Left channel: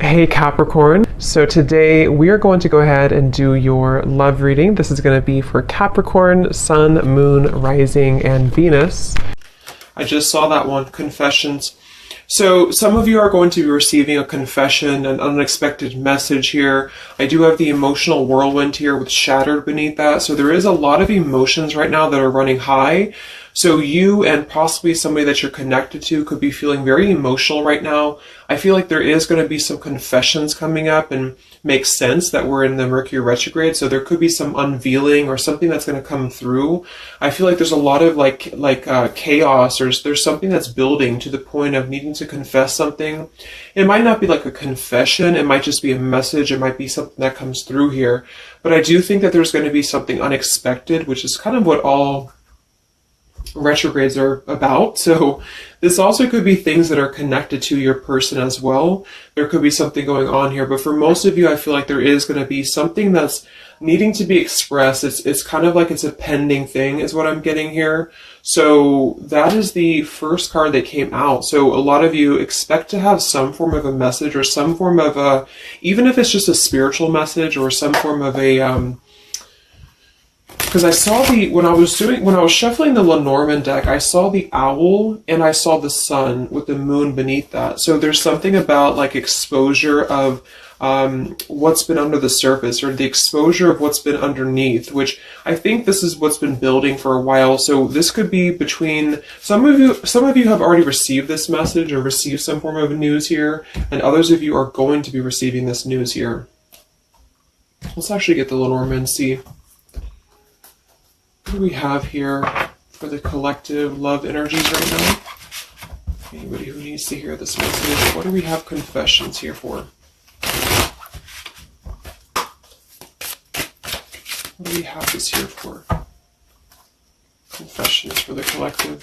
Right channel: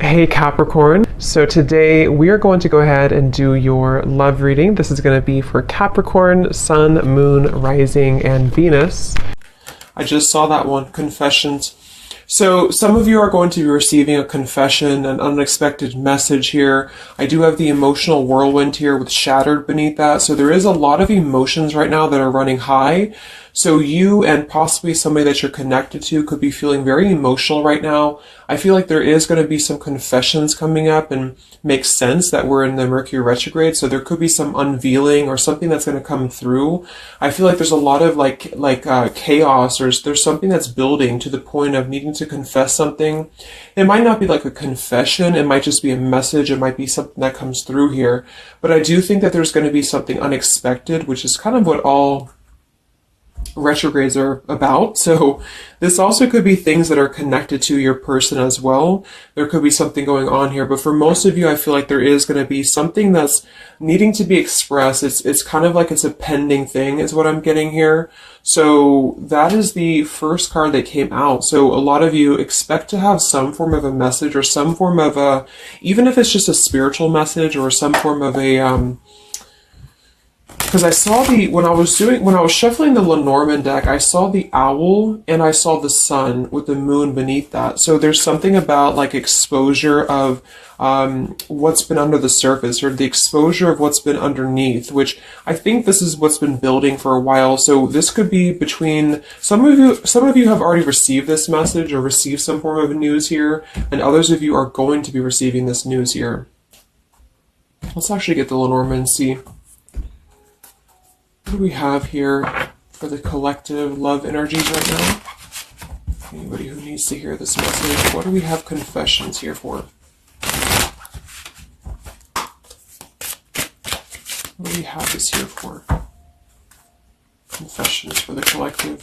Hey Capricorn, so today we are going to go ahead and do your love reading. This is going to be for Capricorn, Sun, Moon, Rising, and Venus. I just saw that one, confessions. So some of you are going to be receiving a confession, an unexpected message here. I do have the emotional whirlwind here with shattered beneath that. So there is a lot of emotions right now that are running high. So you and possibly somebody that you're connected to could be feeling very emotional right now. I feel like there is going to be some confessions coming up, and makes sense that we're in the Mercury retrograde. So there could be some unveiling or something that's going to come through. I feel like there's a lot of chaos. There's something that's building to the point of needing to confess something. It might not be like a confession. It might just be a message. It might be something that comes through here. But I do think that there's going to be something unexpected, which is kind of what all retrogrades are about. So this also could be things that are connected to your person as well. There could be something going on here, but for most of you, I feel like there is going to be something that's needing to be expressed. It's kind of like it's a pending thing is what I'm getting here. So that is the first card that came out. So a lot of you expect to have some form of a message or some form of a, even if it's just a spiritual message or some form of a, because I saw when I was shuffling the Lenormand deck, I saw the owl and I saw the sun with the moon beneath that. So there's something about like exposure of what's been under the surface, or the exposure of what's been underneath, which I think this is what's been building for a while. So this could be between some of you have already received this message or received some form of news here, and others of you are going to be receiving this news here. Let's actually get the Lenormand and see. What do we have here for the collective love energies right now? Anybody who needs to hear this message, what do we have confessions here for? What do we have this here for? Confessions for the collective.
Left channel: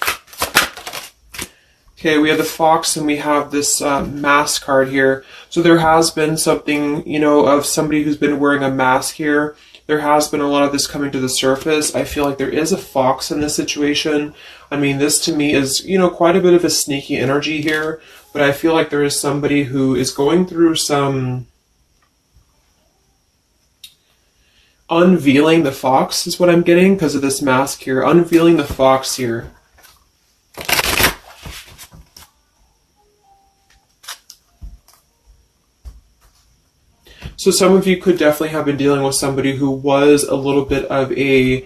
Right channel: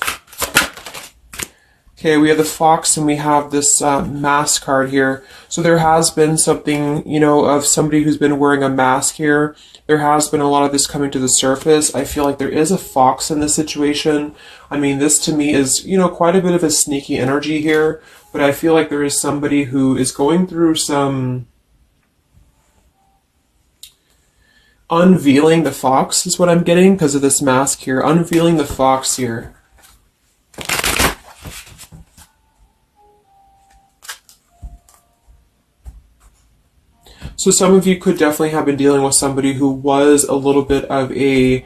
Okay, we have the fox and we have this mask card here. So there has been something, of somebody who's been wearing a mask here. There has been a lot of this coming to the surface. I feel like there is a fox in this situation. I mean, this to me is, quite a bit of a sneaky energy here, but I feel like there is somebody who is going through some unveiling the fox is what I'm getting because of this mask here. Unveiling the fox here. So some of you could definitely have been dealing with somebody who was a little bit of a,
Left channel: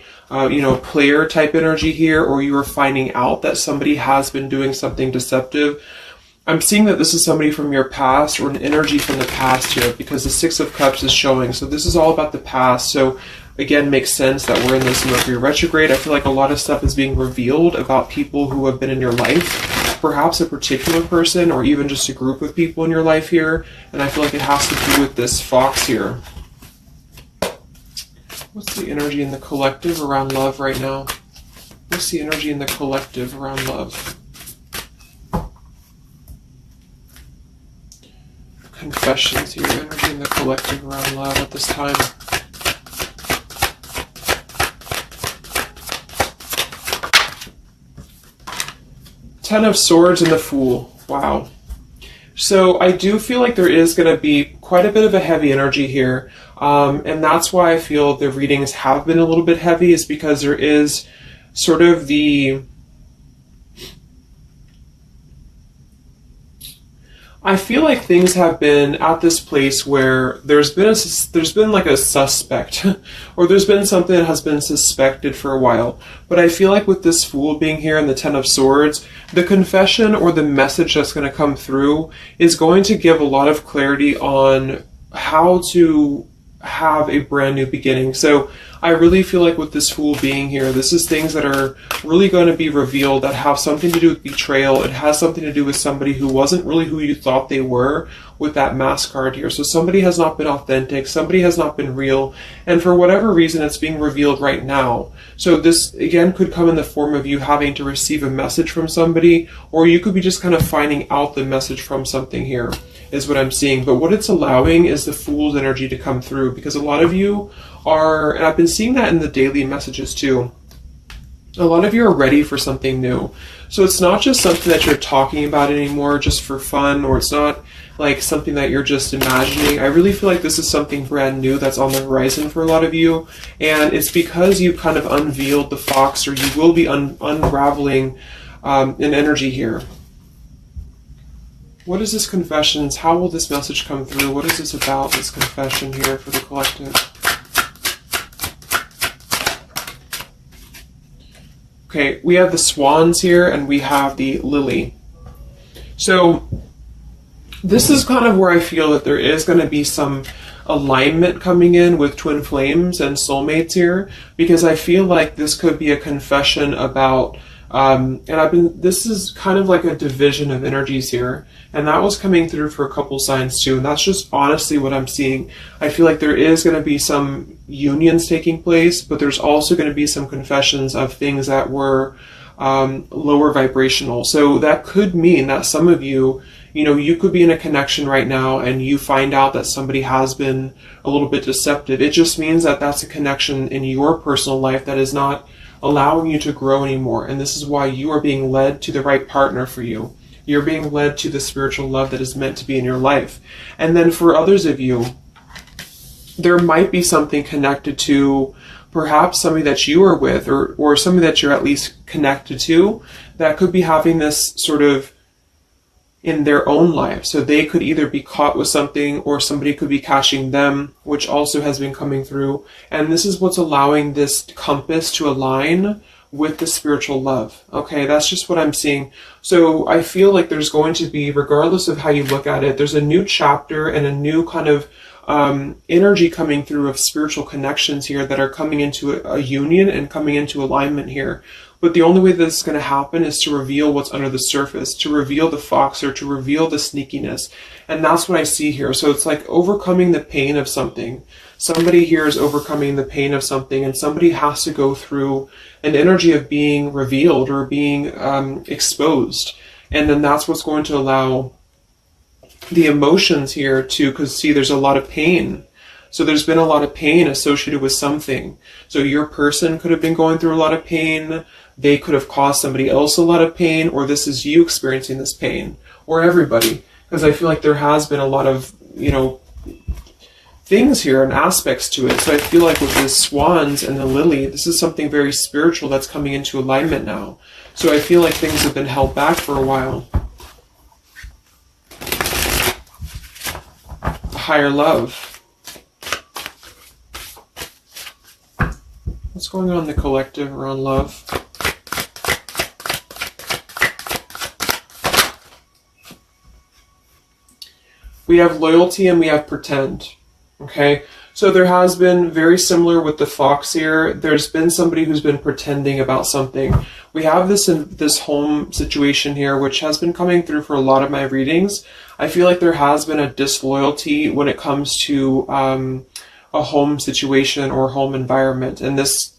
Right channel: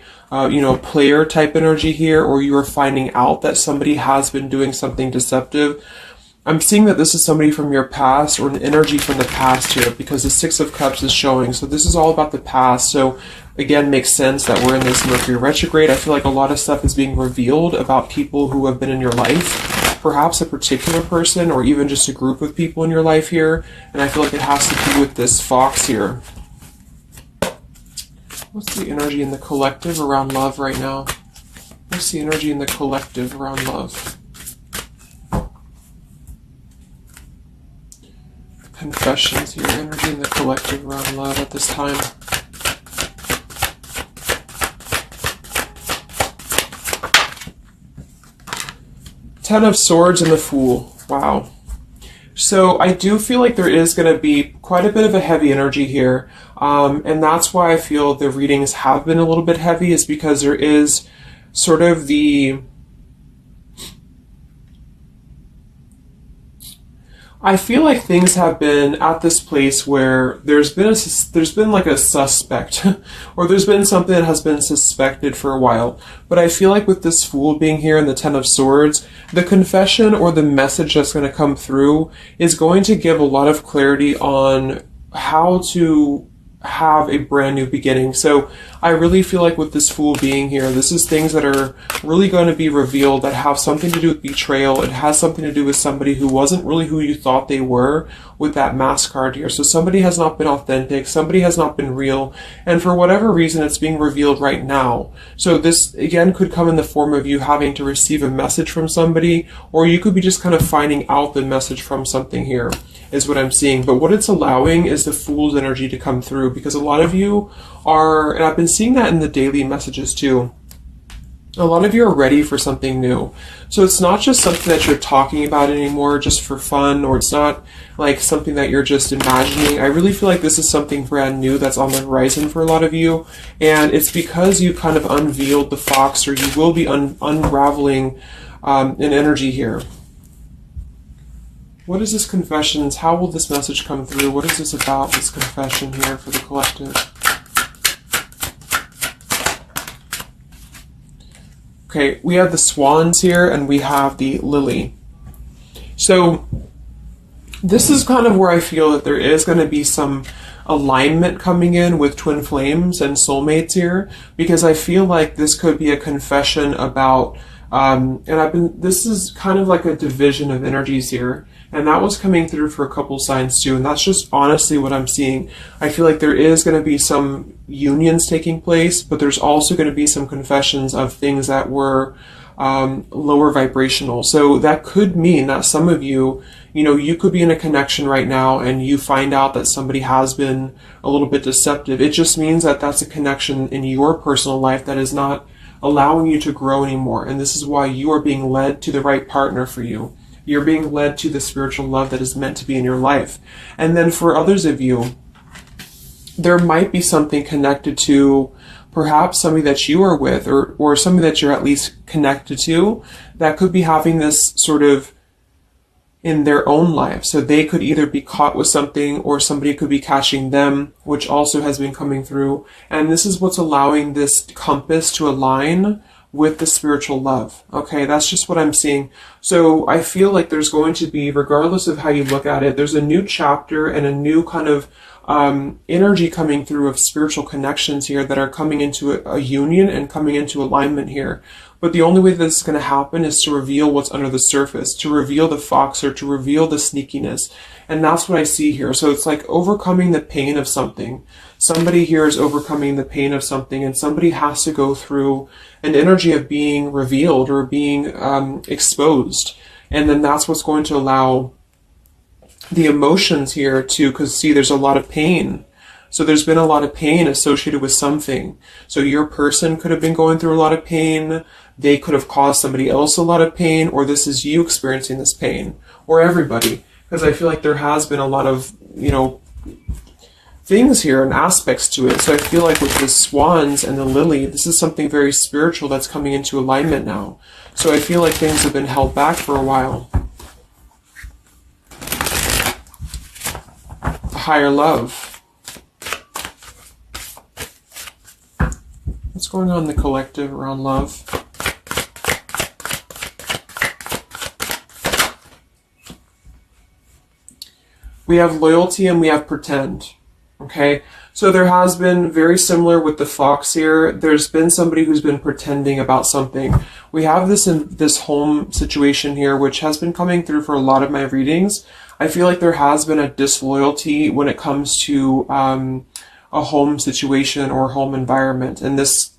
player type energy here, or you were finding out that somebody has been doing something deceptive. I'm seeing that this is somebody from your past or an energy from the past here, because the Six of Cups is showing. So this is all about the past. So again, makes sense that we're in this Mercury retrograde. I feel like a lot of stuff is being revealed about people who have been in your life. Perhaps a particular person or even just a group of people in your life here. And I feel like it has to do with this fox here. What's the energy in the collective around love right now? What's the energy in the collective around love? Confessions here, energy in the collective around love at this time. Ten of Swords and the Fool. Wow. So I do feel like there is going to be quite a bit of a heavy energy here. And that's why I feel the readings have been a little bit heavy, is because there is sort of the... I feel like things have been at this place where there's been like a suspect, or there's been something that has been suspected for a while. But I feel like with this Fool being here and the Ten of Swords, the confession or the message that's going to come through is going to give a lot of clarity on how to have a brand new beginning. So I really feel like with this Fool being here, this is things that are really going to be revealed that have something to do with betrayal. It has something to do with somebody who wasn't really who you thought they were with that mask card here. So somebody has not been authentic, somebody has not been real, and for whatever reason it's being revealed right now. So this again could come in the form of you having to receive a message from somebody, or you could be just kind of finding out the message from something here, is what I'm seeing. But what it's allowing is the Fool's energy to come through, because a lot of you are, and I've been seeing that in the daily messages too, A lot of you are ready for something new. So it's not just something that you're talking about anymore just for fun, or it's not like something that you're just imagining. I really feel like this is something brand new that's on the horizon for a lot of you. And it's because you kind of unveiled the fox, or you will be unraveling an energy here. What is this confessions? How will this message come through? What is this about, this confession here for the collective? Okay, we have the swans here and we have the lily. So this is kind of where I feel that there is going to be some alignment coming in with twin flames and soulmates here, because I feel like this could be a confession about this is kind of like a division of energies here, and that was coming through for a couple signs too, and that's just honestly what I'm seeing. I feel like there is going to be some unions taking place, but there's also going to be some confessions of things that were lower vibrational. So that could mean that some of you, you could be in a connection right now and you find out that somebody has been a little bit deceptive. It just means that that's a connection in your personal life that is not allowing you to grow anymore. And this is why you are being led to the right partner for you. You're being led to the spiritual love that is meant to be in your life. And then for others of you, there might be something connected to perhaps somebody that you are with, or somebody that you're at least connected to, that could be having this sort of in their own life. So they could either be caught with something, or somebody could be catching them, which also has been coming through. And this is what's allowing this compass to align with the spiritual love. Okay, that's just what I'm seeing. So I feel like there's going to be, regardless of how you look at it, there's a new chapter and a new kind of energy coming through of spiritual connections here that are coming into a union and coming into alignment here. But the only way this is going to happen is to reveal what's under the surface, to reveal the fox, or to reveal the sneakiness. And that's what I see here. So it's like overcoming the pain of something. Somebody here is overcoming the pain of something, and somebody has to go through an energy of being revealed or being exposed. And then that's what's going to allow the emotions here to, because see, there's a lot of pain. So there's been a lot of pain associated with something. So your person could have been going through a lot of pain. They could have caused somebody else a lot of pain, or this is you experiencing this pain, or everybody. Because I feel like there has been a lot of, things here and aspects to it. So I feel like with the swans and the lily, this is something very spiritual that's coming into alignment now. So I feel like things have been held back for a while. Higher love. What's going on in the collective around love? We have loyalty and we have pretend. Okay, so there has been, very similar with the fox here, there's been somebody who's been pretending about something. We have this home situation here, which has been coming through for a lot of my readings. I feel like there has been a disloyalty when it comes to a home situation or home environment. And this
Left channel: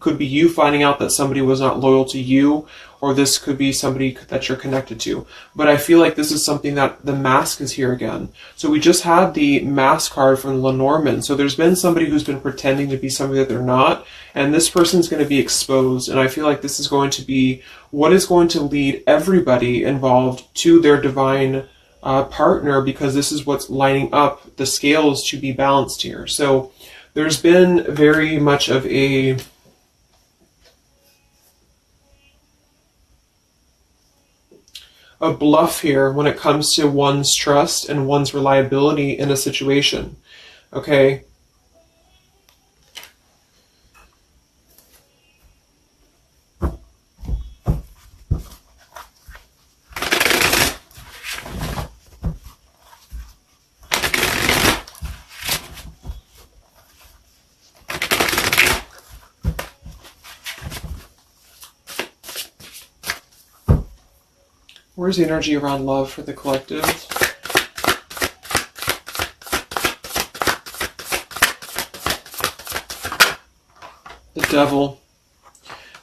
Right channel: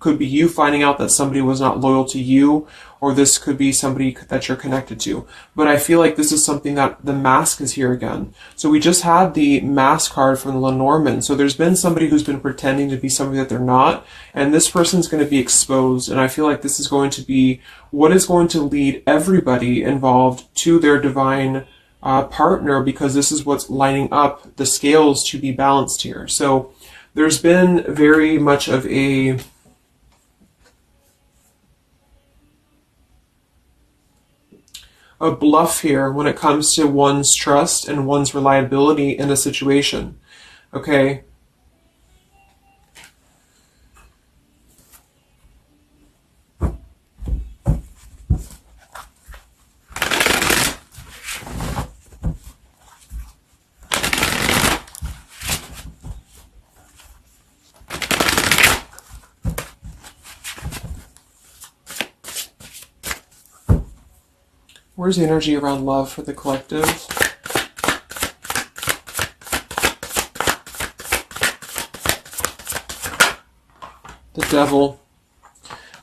could be you finding out that somebody was not loyal to you, or this could be somebody that you're connected to. But I feel like this is something that the mask is here again. So we just had the mask card from the Lenormand. So there's been somebody who's been pretending to be somebody that they're not, and this person's going to be exposed. And I feel like this is going to be what is going to lead everybody involved to their divine partner, because this is what's lining up the scales to be balanced here. So there's been very much of a bluff here when it comes to one's trust and one's reliability in a situation. Okay. Where's the energy around love for the collective? The devil.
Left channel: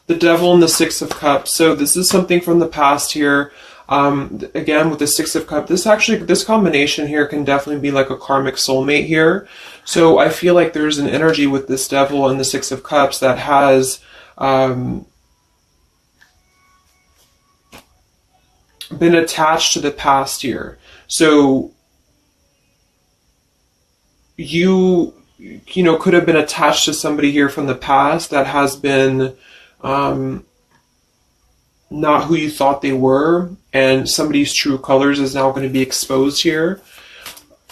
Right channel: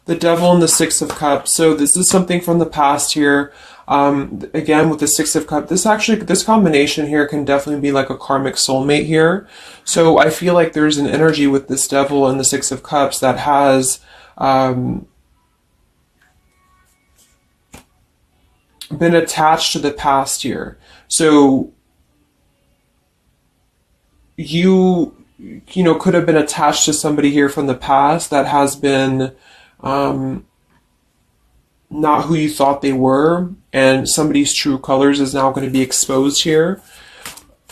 The devil and the Six of Cups. So this is something from the past here. Again, with the Six of Cups, this combination here can definitely be like a karmic soulmate here. So I feel like there's an energy with this devil and the Six of Cups that has been attached to the past here. So you know, could have been attached to somebody here from the past that has been not who you thought they were, and somebody's true colors is now going to be exposed here.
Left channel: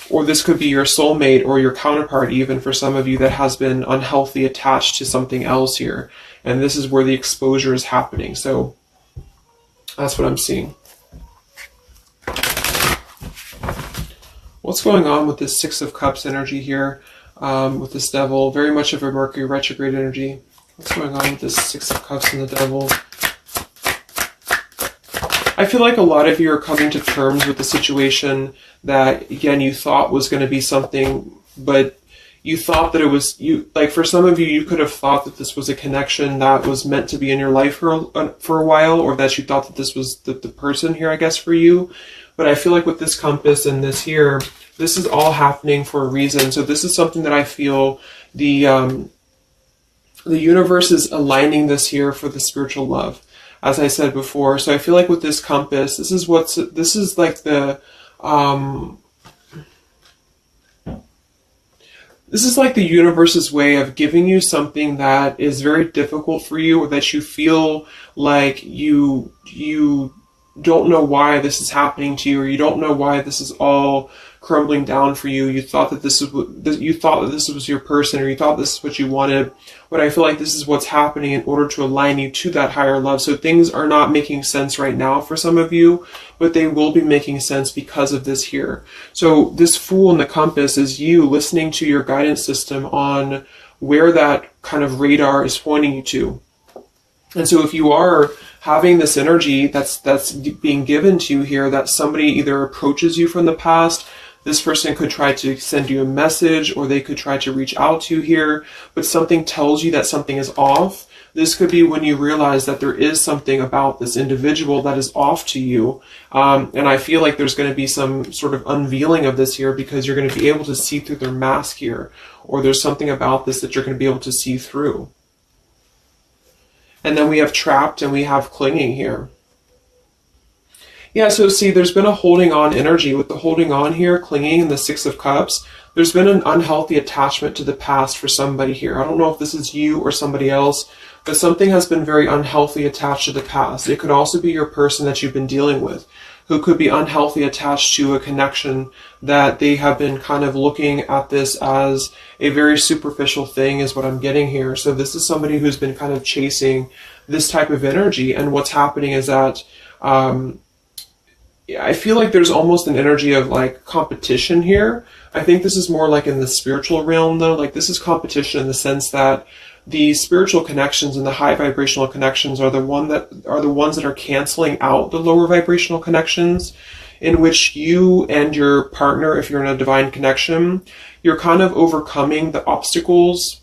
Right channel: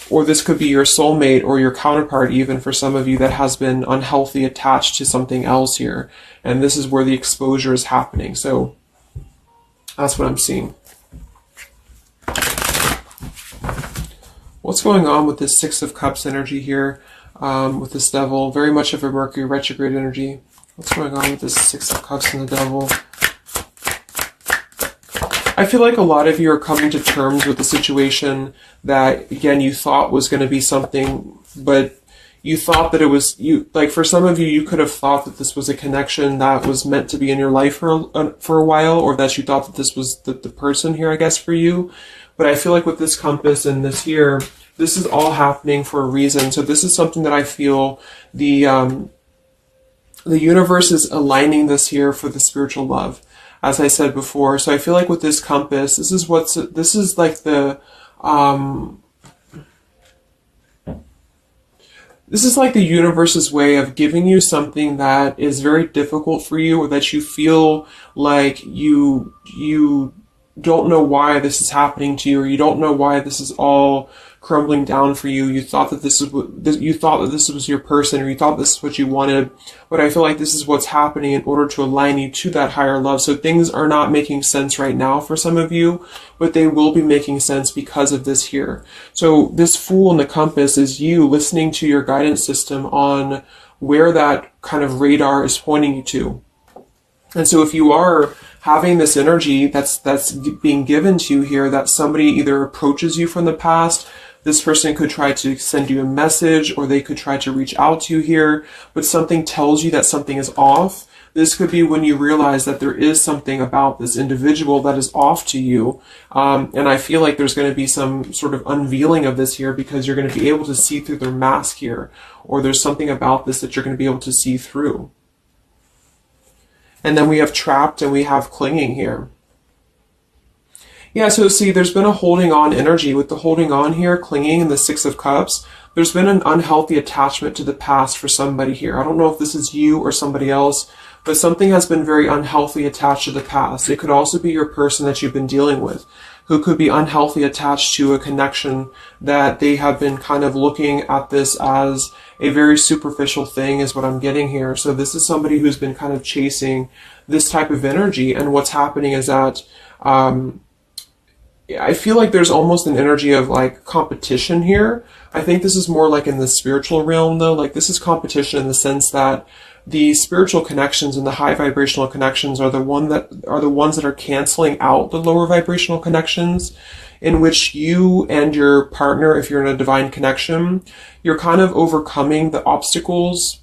Or this could be your soulmate or your counterpart, even for some of you, that has been unhealthy attached to something else here. And this is where the exposure is happening. So that's what I'm seeing. What's going on with this Six of Cups energy here, with this Devil? Very much of a Mercury retrograde energy. What's going on with this Six of Cups and the Devil? I feel like a lot of you are coming to terms with the situation that, again, you thought was going to be something, but you thought that it was, like for some of you, you could have thought that this was a connection that was meant to be in your life for a while, or that you thought that this was the person here, I guess, for you. But I feel like with this compass and this here, this is all happening for a reason. So this is something that I feel the universe is aligning this here for the spiritual love, as I said before. So I feel like with this compass, this is like the this is like the universe's way of giving you something that is very difficult for you, or that you feel like you don't know why this is happening to you, or you don't know why this is all crumbling down for you. You thought that this was your person, or you thought this is what you wanted. But I feel like this is what's happening in order to align you to that higher love. So things are not making sense right now for some of you, but they will be making sense because of this here. So this Fool in the compass is you listening to your guidance system on where that kind of radar is pointing you to. And so if you are having this energy that's being given to you here, that somebody either approaches you from the past, this person could try to send you a message, or they could try to reach out to you here, but something tells you that something is off. This could be when you realize that there is something about this individual that is off to you. And I feel like there's going to be some sort of unveiling of this here, because you're going to be able to see through their mask here, or there's something about this that you're going to be able to see through. And then we have Trapped and we have Clinging here. Yeah, so see, there's been a holding on energy with the holding on here, clinging, and the Six of Cups. There's been an unhealthy attachment to the past for somebody here. I don't know if this is you or somebody else, but something has been very unhealthy attached to the past. It could also be your person that you've been dealing with, who could be unhealthy attached to a connection that they have been kind of looking at this as a very superficial thing, is what I'm getting here. So this is somebody who's been kind of chasing this type of energy, and what's happening is that I feel like there's almost an energy of like competition here. I think this is more like in the spiritual realm though. Like this is competition in the sense that the spiritual connections and the high vibrational connections are the ones that are canceling out the lower vibrational connections, in which you and your partner, if you're in a divine connection, you're kind of overcoming the obstacles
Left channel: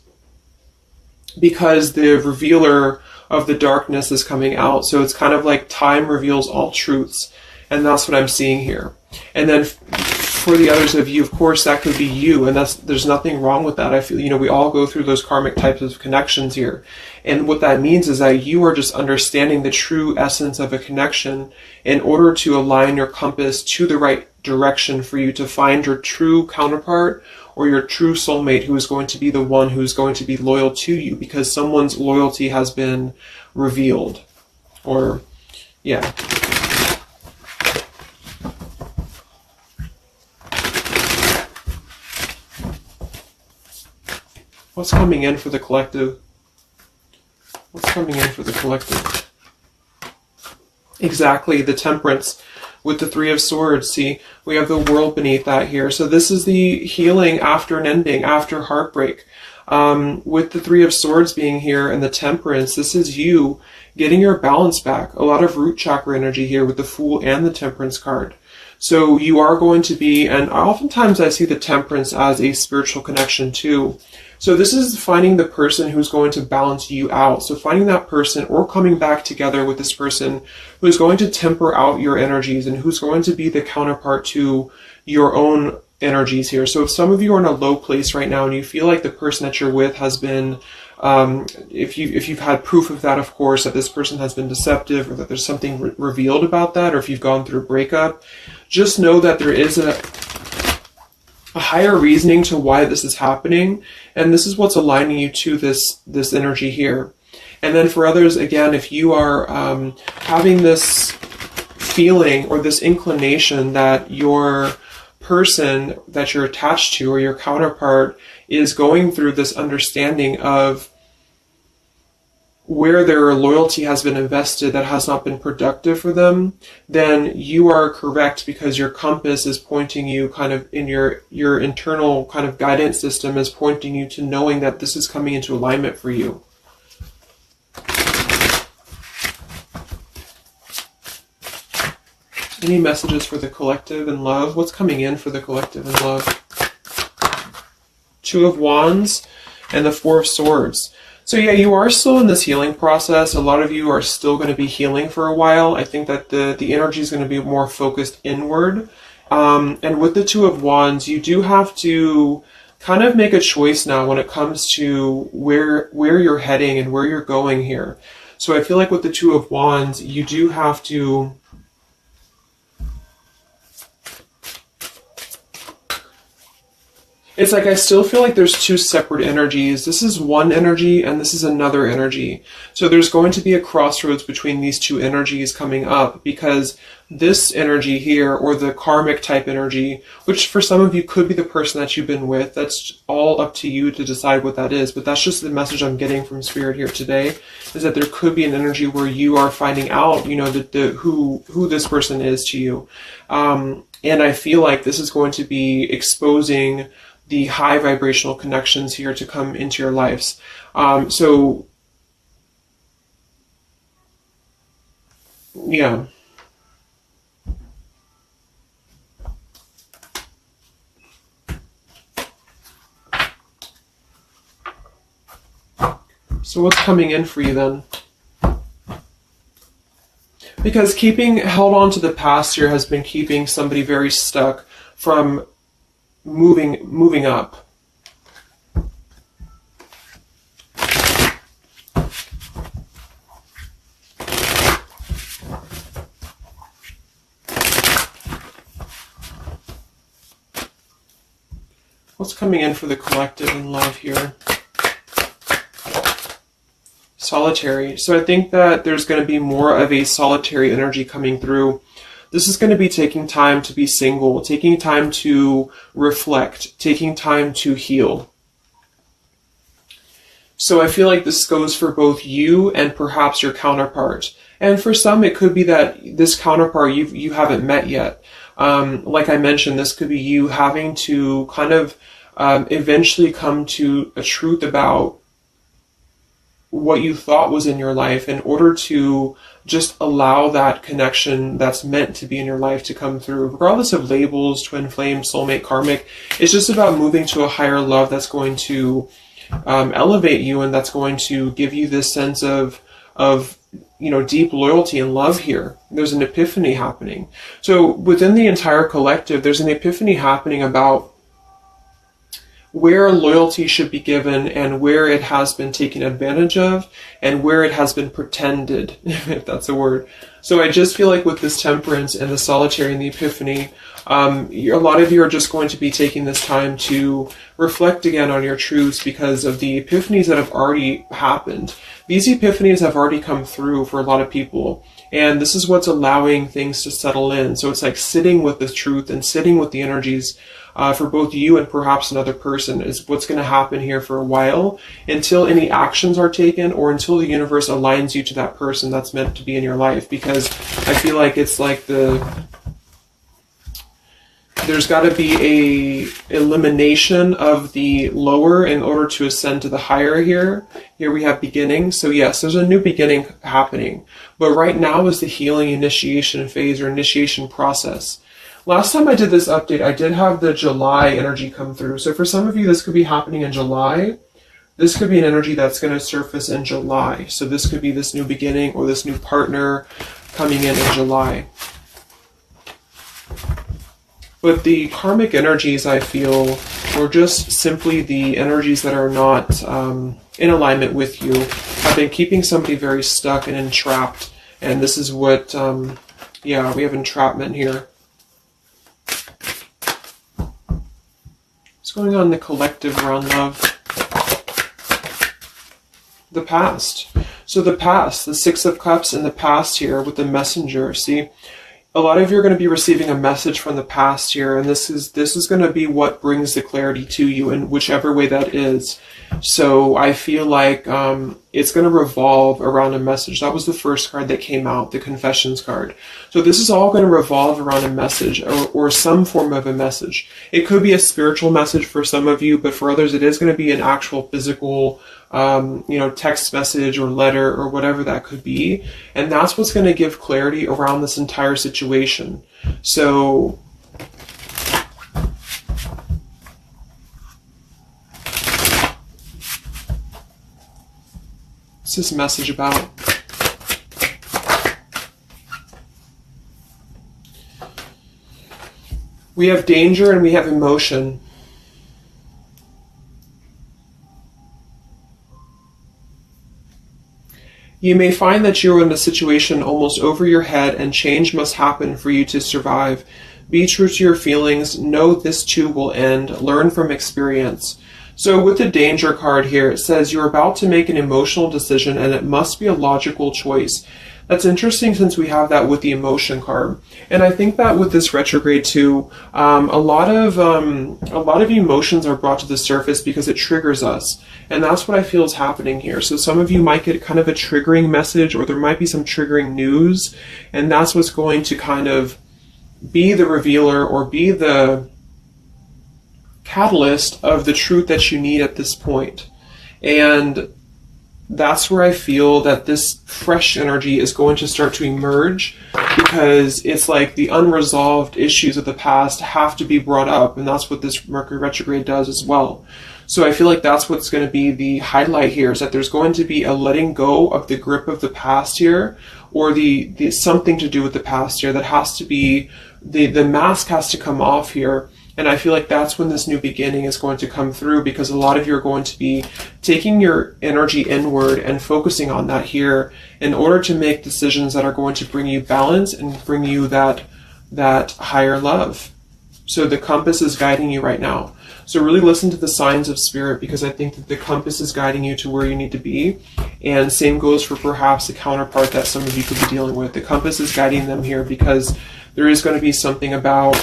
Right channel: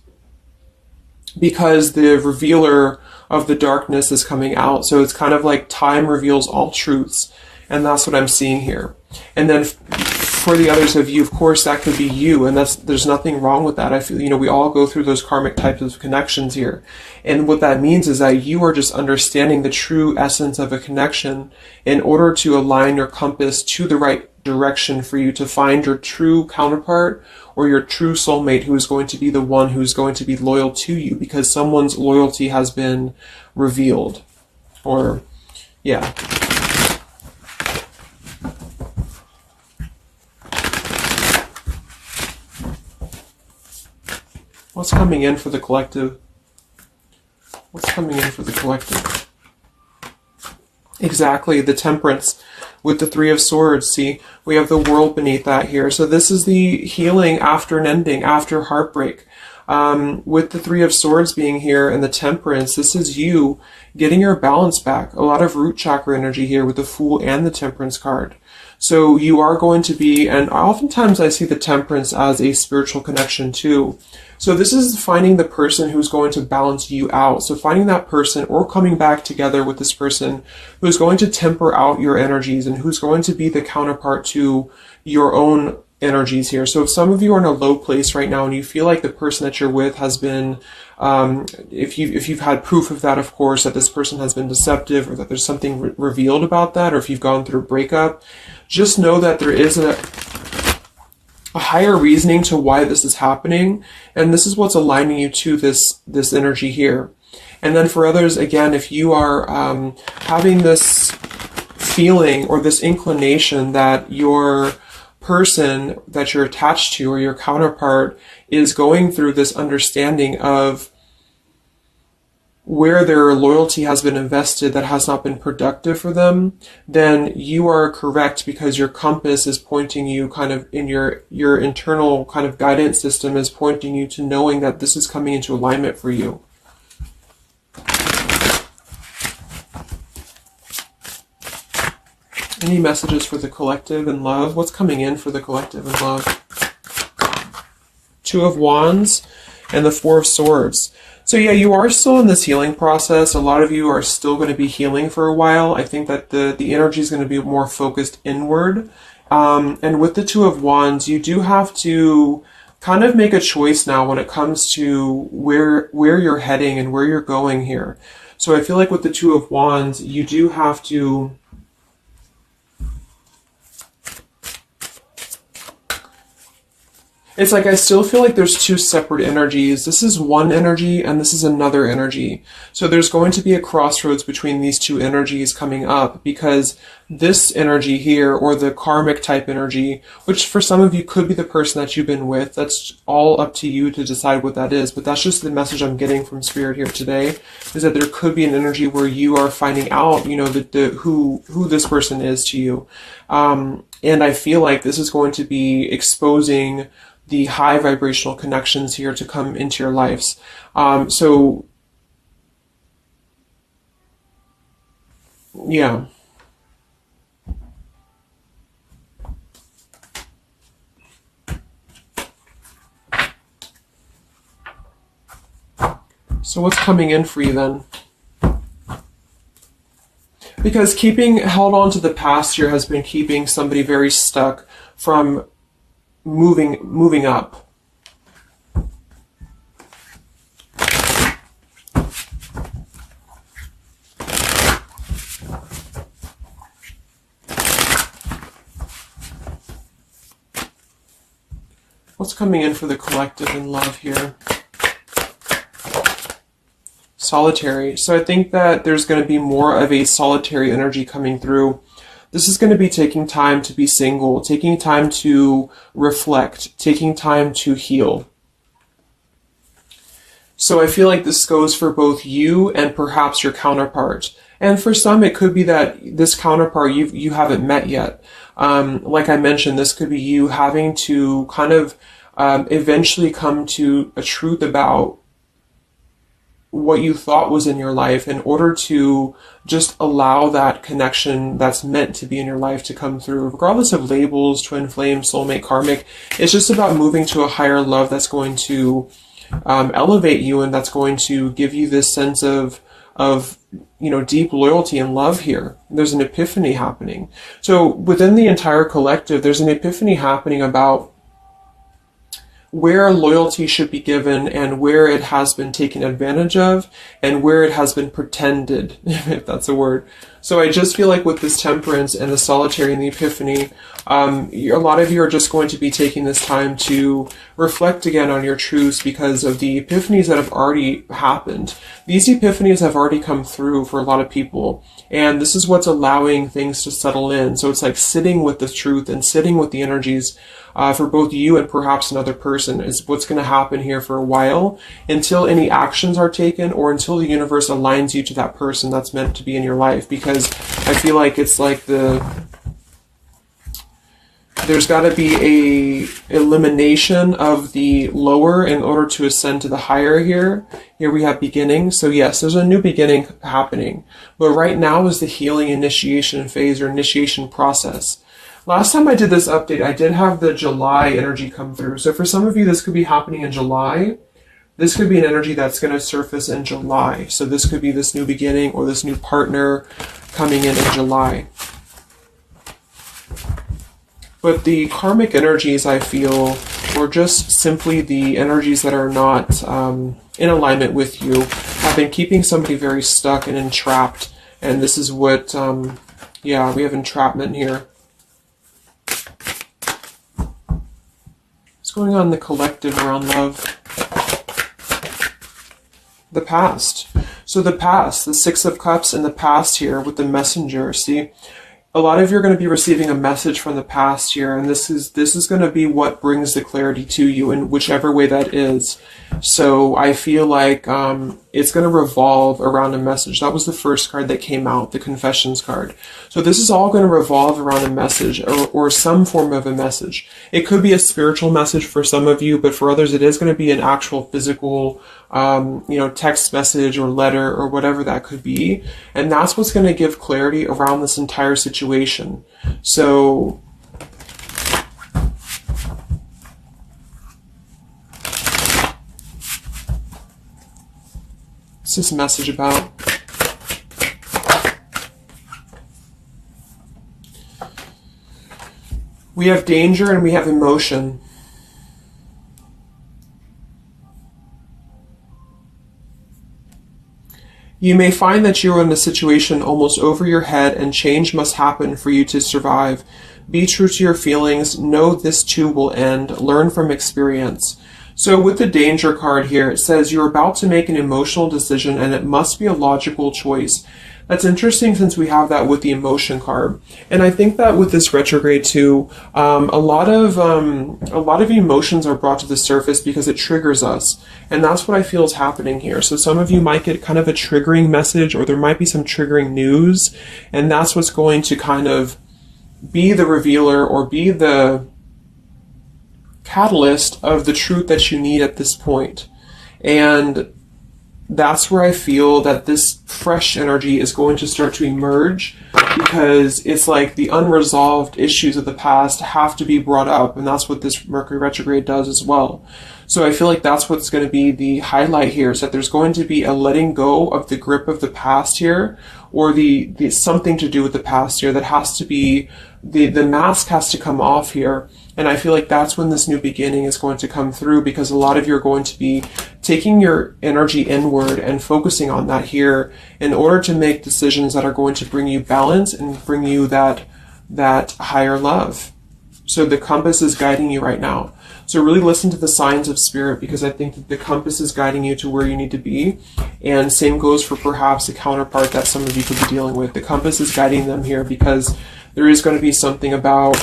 because the revealer of the darkness is coming out. So it's kind of like time reveals all truths. And that's what I'm seeing here. And then for the others of you, of course, that could be you. And there's nothing wrong with that. I feel, we all go through those karmic types of connections here. And what that means is that you are just understanding the true essence of a connection in order to align your compass to the right direction for you to find your true counterpart or your true soulmate, who is going to be the one who is going to be loyal to you, because someone's loyalty has been revealed. Or, yeah. What's coming in for the collective? What's coming in for the collective? Exactly, the Temperance with the Three of Swords. See, we have the World beneath that here. So this is the healing after an ending, after heartbreak. With the Three of Swords being here and the Temperance, this is you getting your balance back. A lot of root chakra energy here with the Fool and the Temperance card. So you are going to be, and oftentimes I see the Temperance as a spiritual connection too. So this is finding the person who's going to balance you out. So finding that person, or coming back together with this person who's going to temper out your energies and who's going to be the counterpart to your own energies here. So if some of you are in a low place right now and you feel like the person that you're with has been, if you've had proof of that, of course, that this person has been deceptive, or that there's something revealed about that, or if you've gone through a breakup, just know that there is a higher reasoning to why this is happening, and this is what's aligning you to this energy here. And then for others, again, if you are having this feeling or this inclination that your person that you're attached to or your counterpart is going through this understanding of where their loyalty has been invested that has not been productive for them, then you are correct, because your compass is pointing you kind of in your internal kind of guidance system is pointing you to knowing that this is coming into alignment for you. Any messages for the collective and love? What's coming in for the collective and love? Two of Wands and the Four of Swords. So yeah, you are still in this healing process. A lot of you are still going to be healing for a while. I think that the energy is going to be more focused inward. And with the Two of Wands, you do have to kind of make a choice now when it comes to where you're heading and where you're going here. So I feel like with the Two of Wands, you do have to it's like I still feel like there's two separate energies. This is one energy and this is another energy. So there's going to be a crossroads between these two energies coming up, because this energy here, or the karmic type energy, which for some of you could be the person that you've been with, that's all up to you to decide what that is. But that's just the message I'm getting from Spirit here today, is that there could be an energy where you are finding out, you know, who this person is to you. And I feel like this is going to be exposing the high vibrational connections here to come into your lives. So yeah. So what's coming in for you then? Because keeping held on to the past here has been keeping somebody very stuck from moving up. What's coming in for the collective and love here? Solitary. So I think that there's going to be more of a solitary energy coming through. This is going to be taking time to be single, taking time to reflect, taking time to heal. So I feel like this goes for both you and perhaps your counterpart. And for some, it could be that this counterpart you haven't met yet. Like I mentioned, this could be you having to kind of eventually come to a truth about what you thought was in your life in order to just allow that connection that's meant to be in your life to come through. Regardless of labels, twin flame, soulmate, karmic, it's just about moving to a higher love that's going to elevate you, and that's going to give you this sense of you know, deep loyalty and love here. There's an epiphany happening. So within the entire collective, there's an epiphany happening about where loyalty should be given and where it has been taken advantage of and where it has been pretended, if that's a word. So I just feel like with this temperance and the solitary and the epiphany, a lot of you are just going to be taking this time to reflect again on your truths because of the epiphanies that have already happened. These epiphanies have already come through for a lot of people, and this is what's allowing things to settle in. So it's like sitting with the truth and sitting with the energies for both you and perhaps another person is what's going to happen here for a while, until any actions are taken or until the universe aligns you to that person that's meant to be in your life. Because I feel like it's like there's got to be a elimination of the lower in order to ascend to the higher here. Here we have beginning. So yes, there's a new beginning happening. But right now is the healing initiation phase or initiation process. Last time I did this update, I did have the July energy come through. So for some of you, this could be happening in July. This could be an energy that's going to surface in July. So this could be this new beginning or this new partner coming in July. But the karmic energies, I feel, were just simply the energies that are not in alignment with you, have been keeping somebody very stuck and entrapped. And this is what, yeah, we have entrapment here. What's going on in the collective around love? The past. So the past, the Six of Cups in the past here with the messenger, see? A lot of you are going to be receiving a message from the past here, and this is going to be what brings the clarity to you in whichever way that is. So I feel like it's going to revolve around a message. That was the first card that came out, the Confessions card. So this is all going to revolve around a message or some form of a message. It could be a spiritual message for some of you, but for others it is going to be an actual physical text message or letter or whatever that could be. And that's what's going to give clarity around this entire situation. So what's this message about? We have danger and we have emotion. You may find that you are in a situation almost over your head and change must happen for you to survive. Be true to your feelings. Know this too will end. Learn from experience. So with the danger card here, it says you're about to make an emotional decision and it must be a logical choice. That's interesting since we have that with the emotion card. And I think that with this retrograde too, a lot of emotions are brought to the surface because it triggers us. And that's what I feel is happening here. So some of you might get kind of a triggering message, or there might be some triggering news. And that's what's going to kind of be the revealer or be the catalyst of the truth that you need at this point. And that's where I feel that this fresh energy is going to start to emerge, because it's like the unresolved issues of the past have to be brought up, and that's what this Mercury retrograde does as well. So I feel like that's what's going to be the highlight here, is that there's going to be a letting go of the grip of the past here, or the something to do with the past here that has to be, the mask has to come off here. And I feel like that's when this new beginning is going to come through, because a lot of you are going to be taking your energy inward and focusing on that here in order to make decisions that are going to bring you balance and bring you that higher love. So the compass is guiding you right now. So really listen to the signs of spirit, because I think that the compass is guiding you to where you need to be. And same goes for perhaps a counterpart that some of you could be dealing with. The compass is guiding them here because there is going to be something about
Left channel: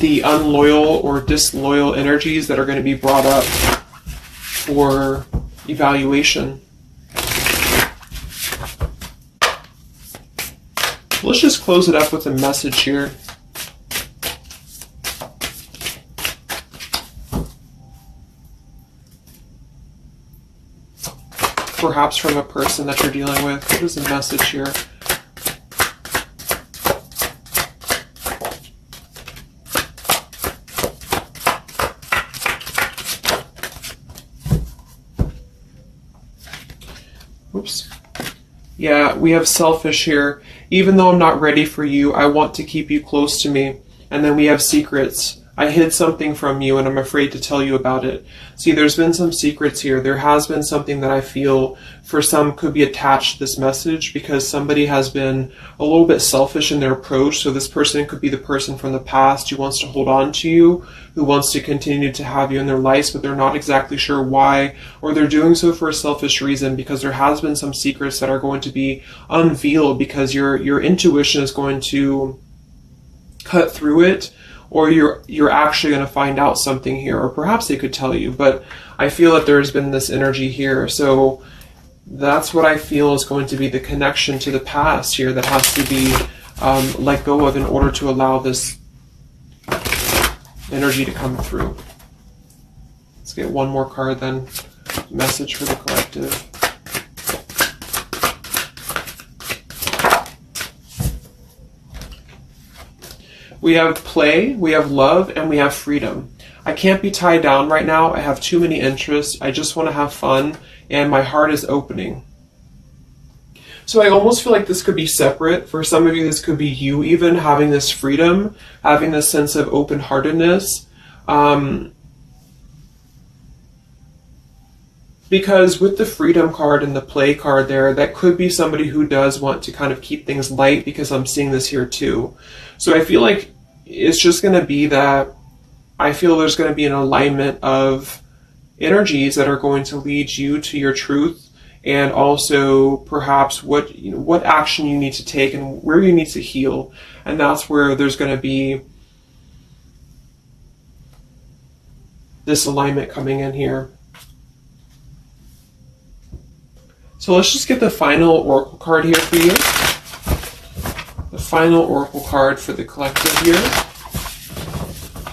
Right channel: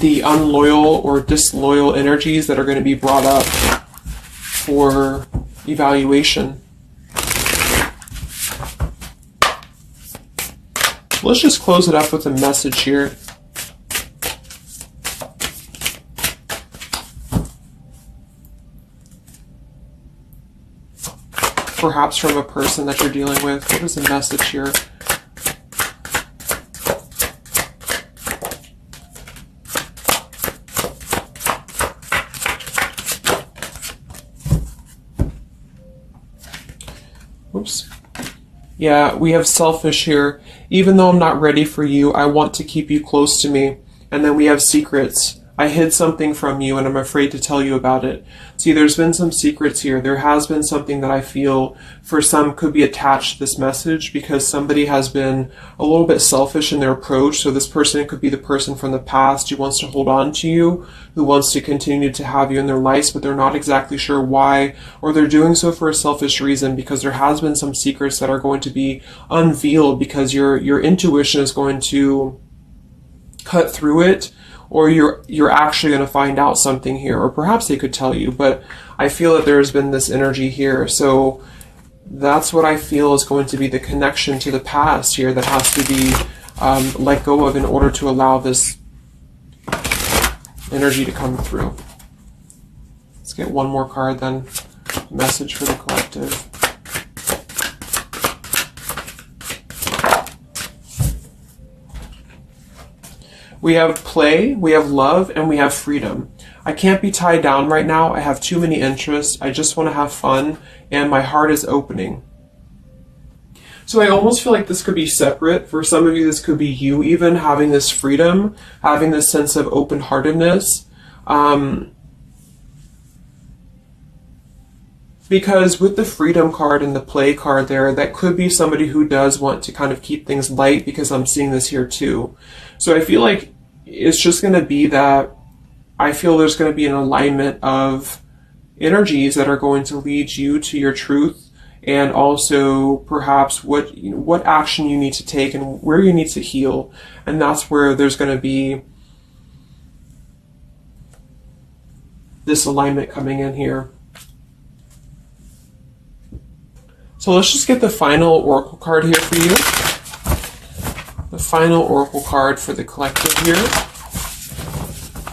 the unloyal or disloyal energies that are going to be brought up for evaluation. Let's just close it up with a message here. Perhaps from a person that you're dealing with. What is the message here? Oops. Yeah, we have selfish here. Even though I'm not ready for you, I want to keep you close to me. And then we have secrets. I hid something from you and I'm afraid to tell you about it. See, there's been some secrets here. There has been something that I feel for some could be attached to this message, because somebody has been a little bit selfish in their approach. So this person could be the person from the past who wants to hold on to you, who wants to continue to have you in their lives, but they're not exactly sure why, or they're doing so for a selfish reason, because there has been some secrets that are going to be unveiled, because your intuition is going to cut through it, or you're actually going to find out something here, or perhaps they could tell you, but I feel that there's been this energy here. So that's what I feel is going to be the connection to the past here that has to be let go of in order to allow this energy to come through. Let's get one more card then. Message for the collective. We have play, we have love, and we have freedom. I can't be tied down right now. I have too many interests. I just want to have fun, and my heart is opening. So I almost feel like this could be separate. For some of you, this could be you even having this freedom, having this sense of open-heartedness. Because with the freedom card and the play card there, that could be somebody who does want to kind of keep things light, because I'm seeing this here too. So I feel like it's just going to be that I feel there's going to be an alignment of energies that are going to lead you to your truth, and also perhaps what action you need to take and where you need to heal. And that's where there's going to be this alignment coming in here. So let's just get the final oracle card here for you. The final oracle card for the collective here.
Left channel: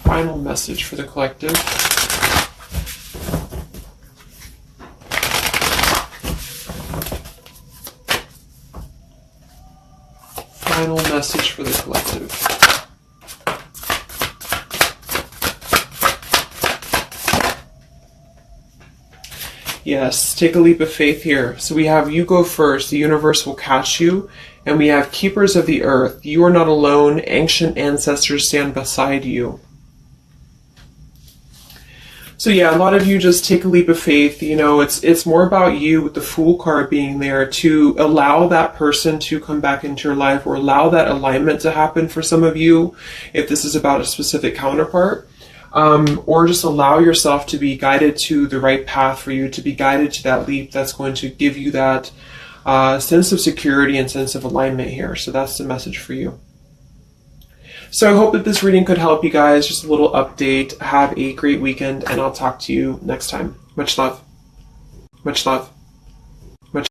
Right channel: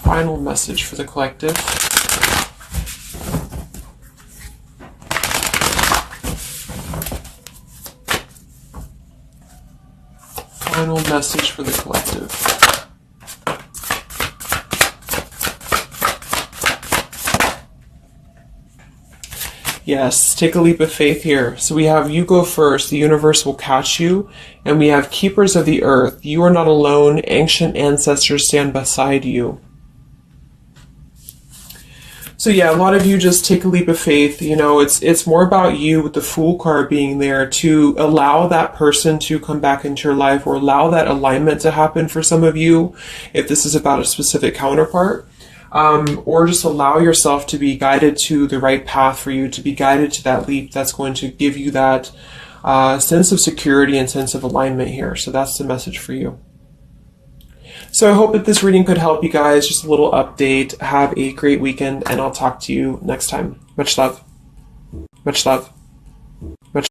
Final message for the collective. Final message for the collective. Yes, take a leap of faith here. So we have you go first, the universe will catch you. And we have keepers of the earth. You are not alone. Ancient ancestors stand beside you. So yeah, a lot of you just take a leap of faith. You know, it's more about you with the Fool card being there to allow that person to come back into your life, or allow that alignment to happen for some of you, if this is about a specific counterpart. Or just allow yourself to be guided to the right path for you, to be guided to that leap that's going to give you that sense of security and sense of alignment here. So that's the message for you. So I hope that this reading could help you guys. Just a little update. Have a great weekend, and I'll talk to you next time. Much love. Much love.